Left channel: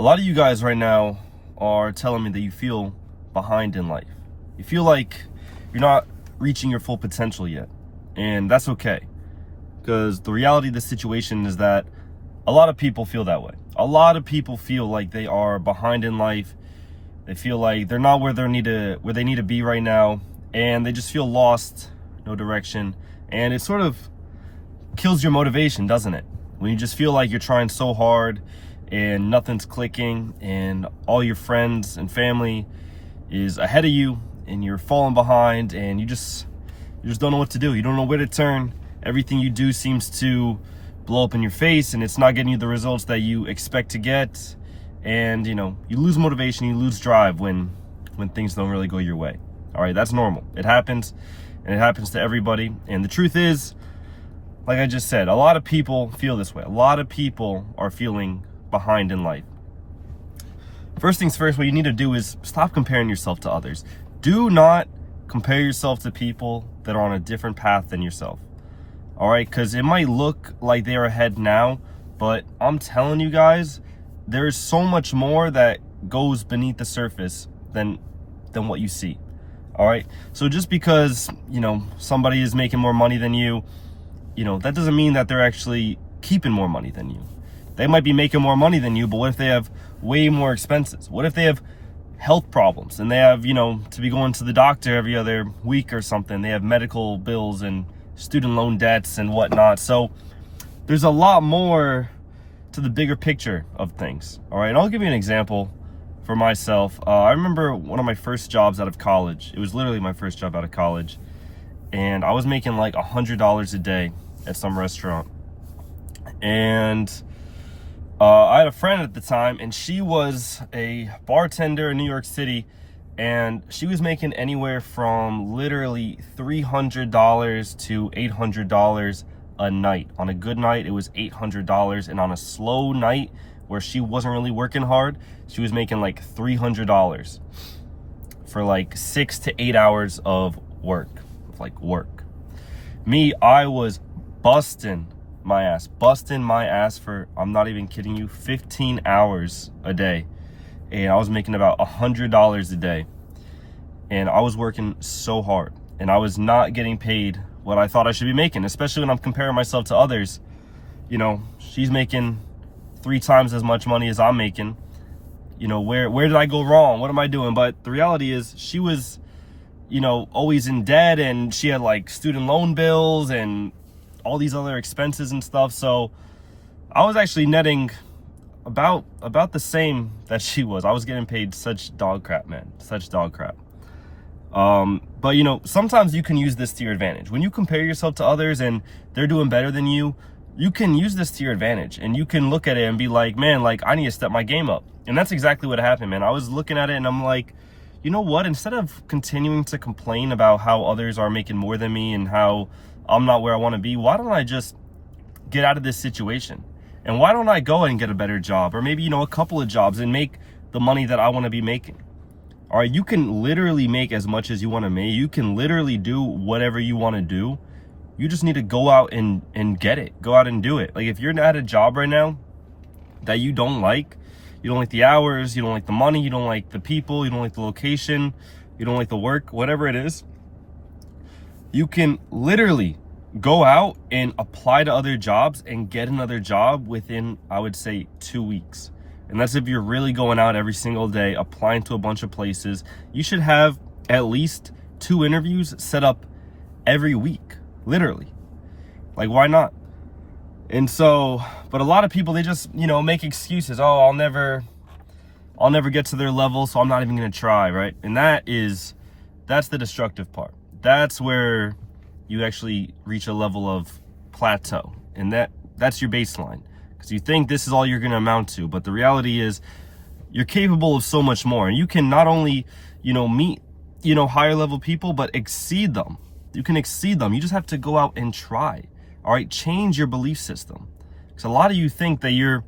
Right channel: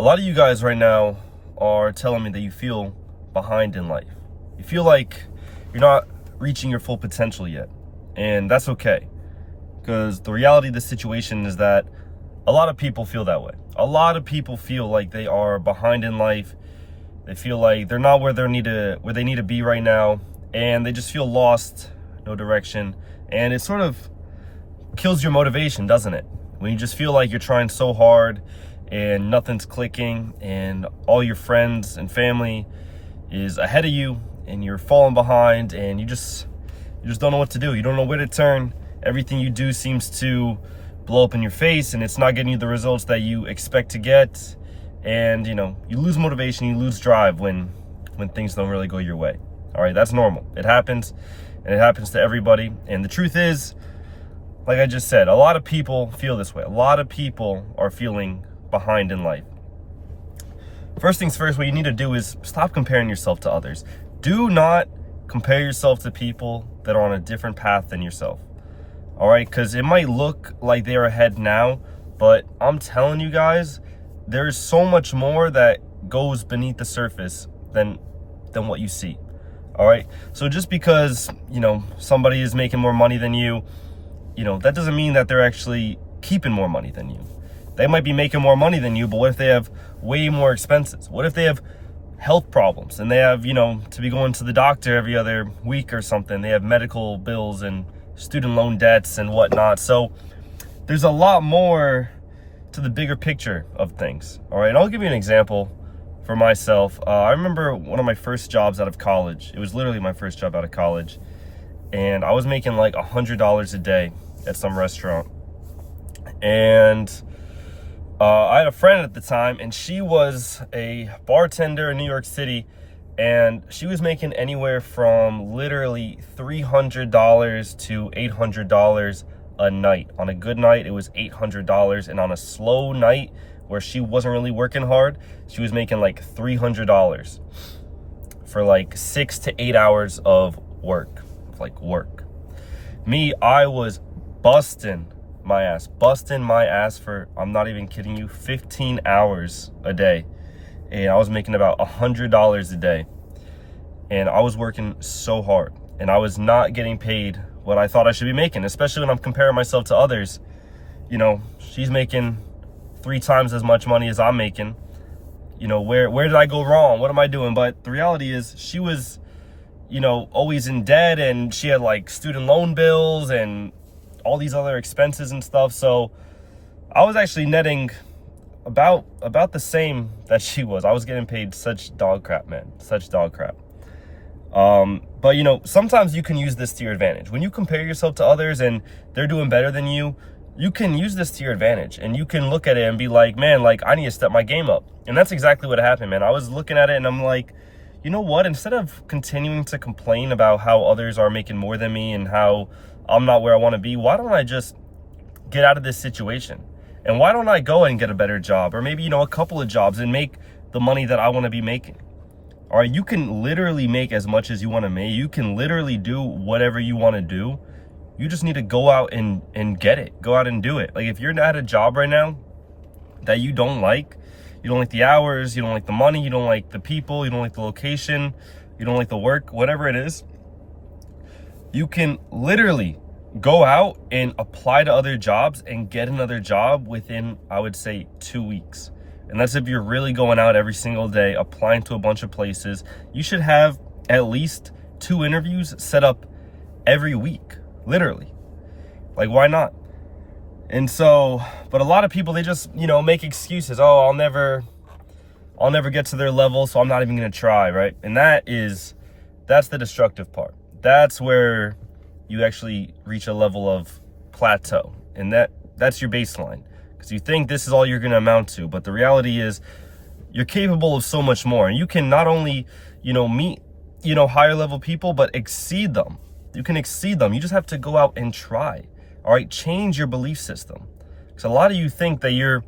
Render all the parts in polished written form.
A lot of you guys right now are telling me that you feel behind in life. You feel like you're not reaching your full potential yet. And that's okay. Because the reality of the situation is that a lot of people feel that way. A lot of people feel like they are behind in life. They feel like they're not where they need to be right now. And they just feel lost, no direction. And it sort of kills your motivation, doesn't it? When you just feel like you're trying so hard and nothing's clicking and all your friends and family is ahead of you and you're falling behind and you just don't know what to do. You don't know where to turn. Everything you do seems to blow up in your face and it's not getting you the results that you expect to get. And you lose motivation, you lose drive when things don't really go your way. All right, that's normal. It happens, and it happens to everybody. And the truth is, like I just said, a lot of people feel this way. A lot of people are feeling behind in life. First things first, what you need to do is stop comparing yourself to others. Do not compare yourself to people that are on a different path than yourself. All right, because it might look like they're ahead now, but I'm telling you guys, there's so much more that goes beneath the surface than what you see. All right, so just because somebody is making more money than you, that doesn't mean that they're actually keeping more money than you. They might be making more money than you, but what if they have way more expenses? What if they have health problems and they have to be going to the doctor every other week or something? They have medical bills and student loan debts and whatnot. So there's a lot more to the bigger picture of things. All right, and I'll give you an example for myself. I remember one of my first jobs out of college. It was literally my first job out of college, and I was making like $100 a day at some restaurant. And I had a friend at the time, and she was a bartender in New York City, and she was making anywhere from literally $300 to $800 a night. On a good night, it was $800, and on a slow night where she wasn't really working hard, she was making like $300 for like 6 to 8 hours of work. Me, I was busting my ass for, I'm not even kidding you, 15 hours a day. And I was making about $100 a day. And I was working so hard. And I was not getting paid what I thought I should be making, especially when I'm comparing myself to others. She's making 3 times as much money as I'm making. Where did I go wrong? What am I doing? But the reality is she was, always in debt, and she had like student loan bills and all these other expenses and stuff. So I was actually netting about the same that she was. I was getting paid such dog crap, man, such dog crap. But sometimes you can use this to your advantage. When you compare yourself to others and they're doing better than you, you can use this to your advantage, and you can look at it and be like, man, like I need to step my game up. And that's exactly what happened, man. I was looking at it and I'm like, you know what? Instead of continuing to complain about how others are making more than me and how I'm not where I want to be, why don't I just get out of this situation? And why don't I go and get a better job, or maybe, a couple of jobs, and make the money that I want to be making? All right, you can literally make as much as you want to make. You can literally do whatever you want to do. You just need to go out and get it. Go out and do it. Like if you're at a job right now that you don't like the hours, you don't like the money, you don't like the people, you don't like the location, you don't like the work, whatever it is, you can literally go out and apply to other jobs and get another job within, I would say, 2 weeks. And that's if you're really going out every single day, applying to a bunch of places. You should have at least 2 interviews set up every week, literally. Like, why not? And so, but a lot of people, they just, make excuses. Oh, I'll never get to their level, so I'm not even going to try, right? And that's the destructive part. That's where you actually reach a level of plateau. And that's your baseline. Because you think this is all you're going to amount to. But the reality is you're capable of so much more. And you can not only, meet, higher level people, but exceed them. You can exceed them. You just have to go out and try. All right, change your belief system. Because a lot of you think that you're,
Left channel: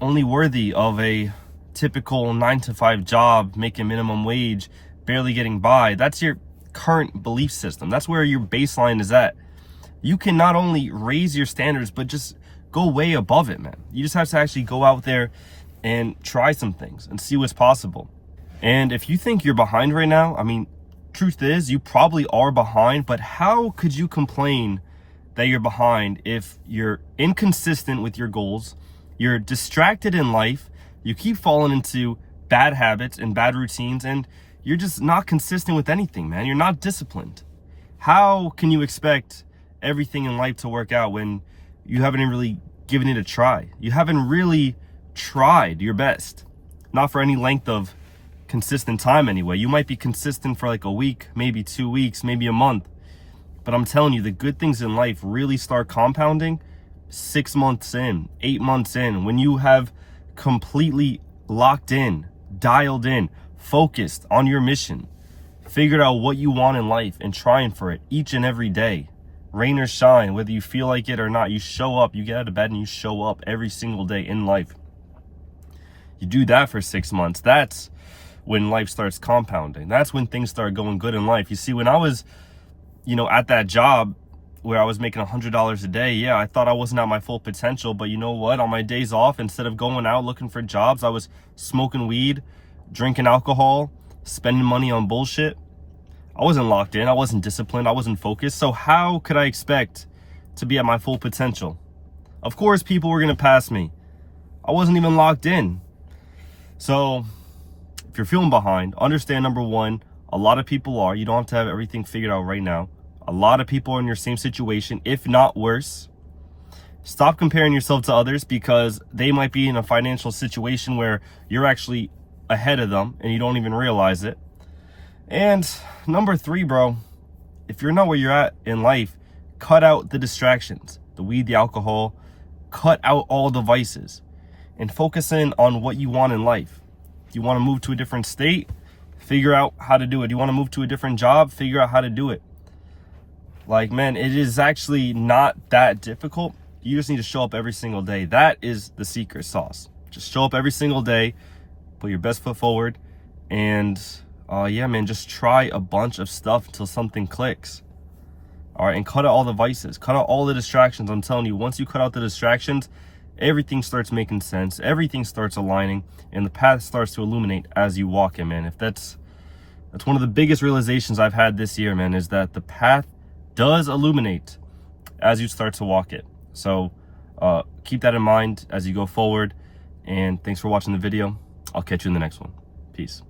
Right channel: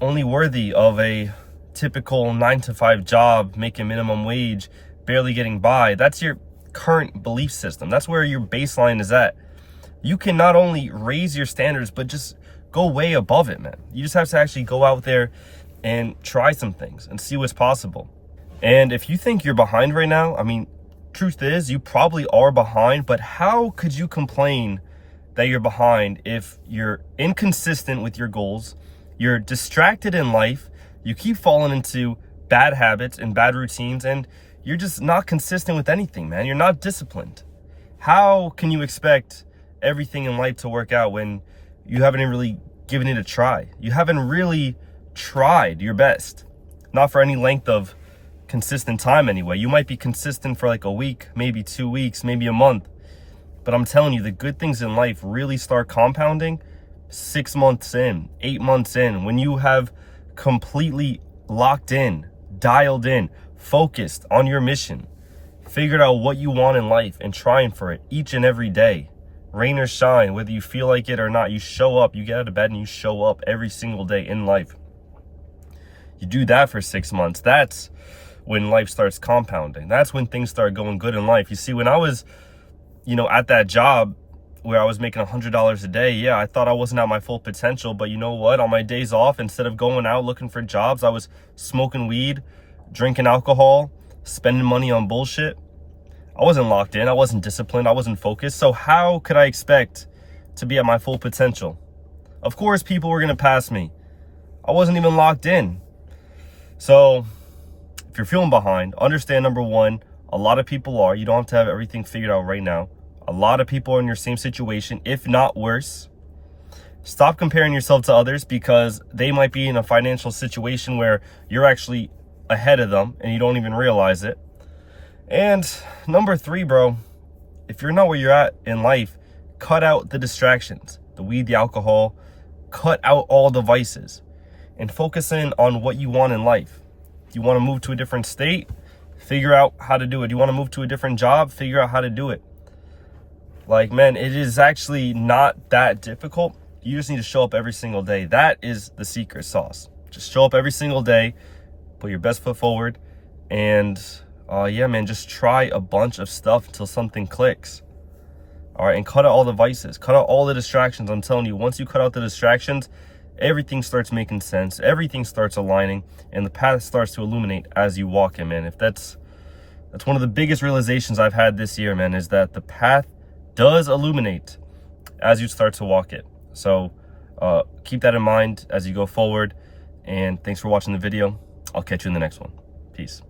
only worthy of a typical 9-to-5 job, making minimum wage, barely getting by. That's your current belief system. That's where your baseline is at. You can not only raise your standards, but just go way above it, man. You just have to actually go out there and try some things and see what's possible. And if you think you're behind right now, I mean, truth is, you probably are behind, but how could you complain that you're behind if you're inconsistent with your goals, you're distracted in life, you keep falling into bad habits and bad routines, and you're just not consistent with anything, man. You're not disciplined. How can you expect everything in life to work out when you haven't really given it a try? You haven't really tried your best. Not for any length of consistent time anyway. You might be consistent for like a week, maybe 2 weeks, maybe a month. But I'm telling you, the good things in life really start compounding 6 months in, 8 months in, when you have completely locked in, dialed in, focused on your mission, figured out what you want in life and trying for it each and every day. Rain or shine, whether you feel like it or not, you show up, you get out of bed and you show up every single day in life. You do that for 6 months. That's when life starts compounding. That's when things start going good in life. You see, when I was, at that job where I was making $100 a day, yeah, I thought I wasn't at my full potential. But you know what? On my days off, instead of going out looking for jobs, I was smoking weed, drinking alcohol, spending money on bullshit. I wasn't locked in. I wasn't disciplined. I wasn't focused. So how could I expect to be at my full potential? Of course, people were going to pass me. I wasn't even locked in. So if you're feeling behind, understand, number one, a lot of people are. You don't have to have everything figured out right now. A lot of people are in your same situation, if not worse. Stop comparing yourself to others because they might be in a financial situation where you're actually ahead of them and you don't even realize it. And number three, bro, if you're not where you're at in life, cut out the distractions, the weed, the alcohol, cut out all the vices and focus in on what you want in life. If you want to move to a different state, figure out how to do it. You want to move to a different job, figure out how to do it. Like, man, it is actually not that difficult. You just need to show up every single day. That is the secret sauce. Just show up every single day, put your best foot forward, and yeah, man, just try a bunch of stuff until something clicks. All right, and cut out all the vices, cut out all the distractions. I'm telling you, once you cut out the distractions, everything starts making sense, everything starts aligning, and the path starts to illuminate as you walk it, man. If that's one of the biggest realizations I've had this year, man, is that the path does illuminate as you start to walk it. So keep that in mind as you go forward, and thanks for watching the video. I'll catch you in the next one. Peace.